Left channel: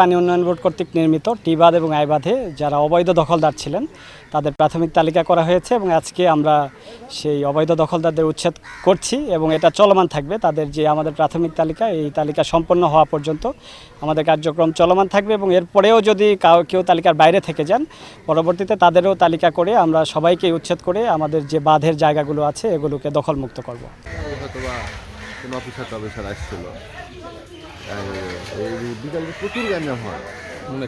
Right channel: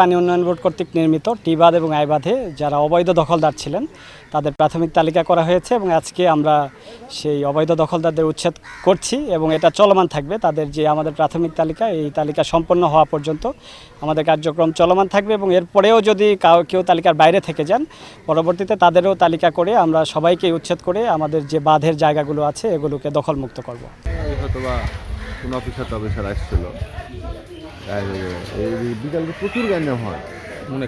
পানি উন্নয়ন বোর্ড কর্তৃক নির্মিত টি বাঁধ এবং আই বাঁধে যারা অবৈধ দখলদার ছিলেন তাদের প্রাথমিক তালিকা করা হয়েছে এবং আজকে আমরা সেই অবৈধ দখলদারদের উচ্ছেদ করছি এবং এটা চলমান থাকবে। তাদের যে আমাদের প্রাথমিক তালিকা, এই তালিকা সম্পন্ন হওয়া পর্যন্ত আমাদের কার্যক্রম চলমান থাকবে এবং এরপরেও যদি কেউ তালিকার বাইরে থেকে যান, পরবর্তীতে তাদেরও তালিকা করে আমরা সবাইকে উচ্ছেদ করে আমাদের যে বাঁধের জায়গাগুলো আছে এগুলোকে দখলমুক্ত করব। কোনো অফিসার আসছিল, বিকালে প্রচুর গাঞ্জা হয় মনে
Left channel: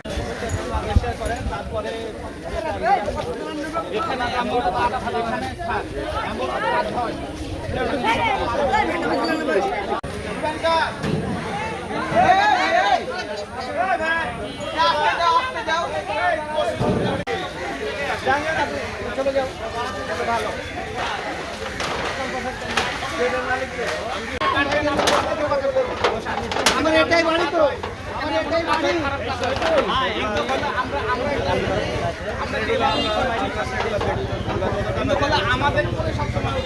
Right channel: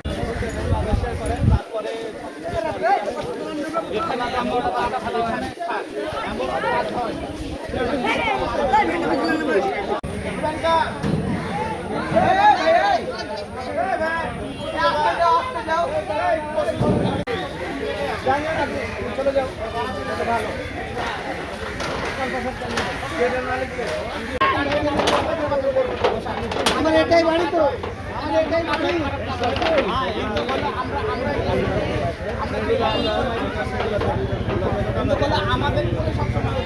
চলে যাও, ভালো আমার এটাই বাড়ি তো, আমার এটাই বাড়ি। আমাদের উপরে সবসময়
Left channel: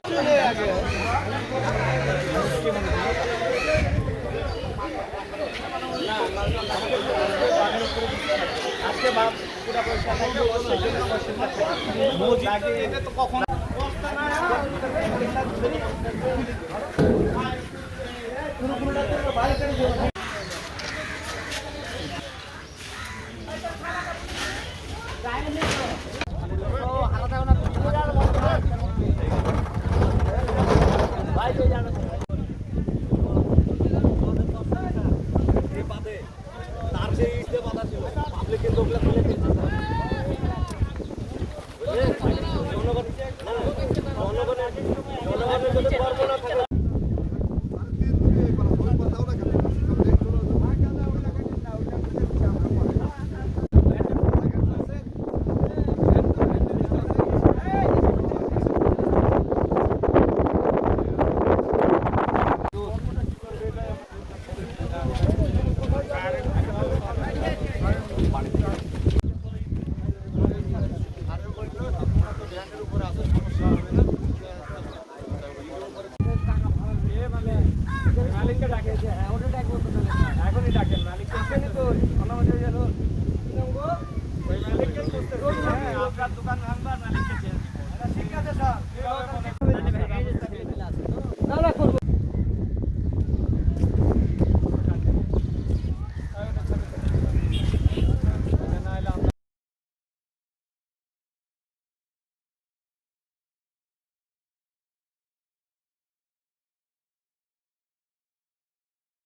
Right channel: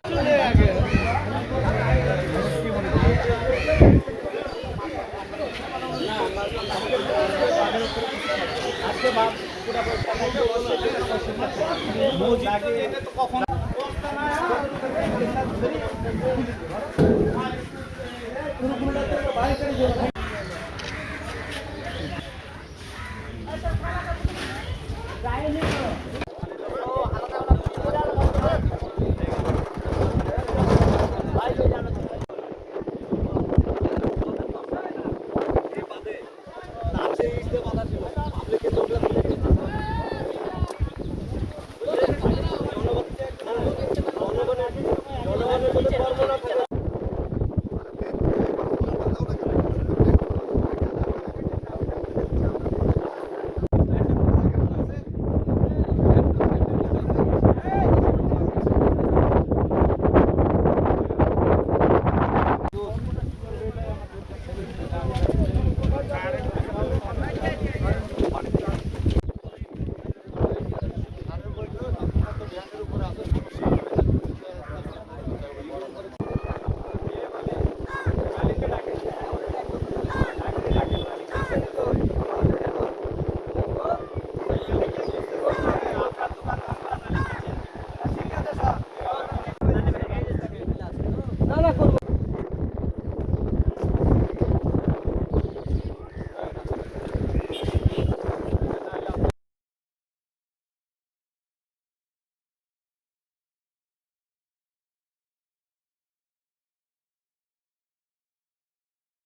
আজকে পুরা পয়সা থাকবে, এটা তো কখন পুরো বাইরে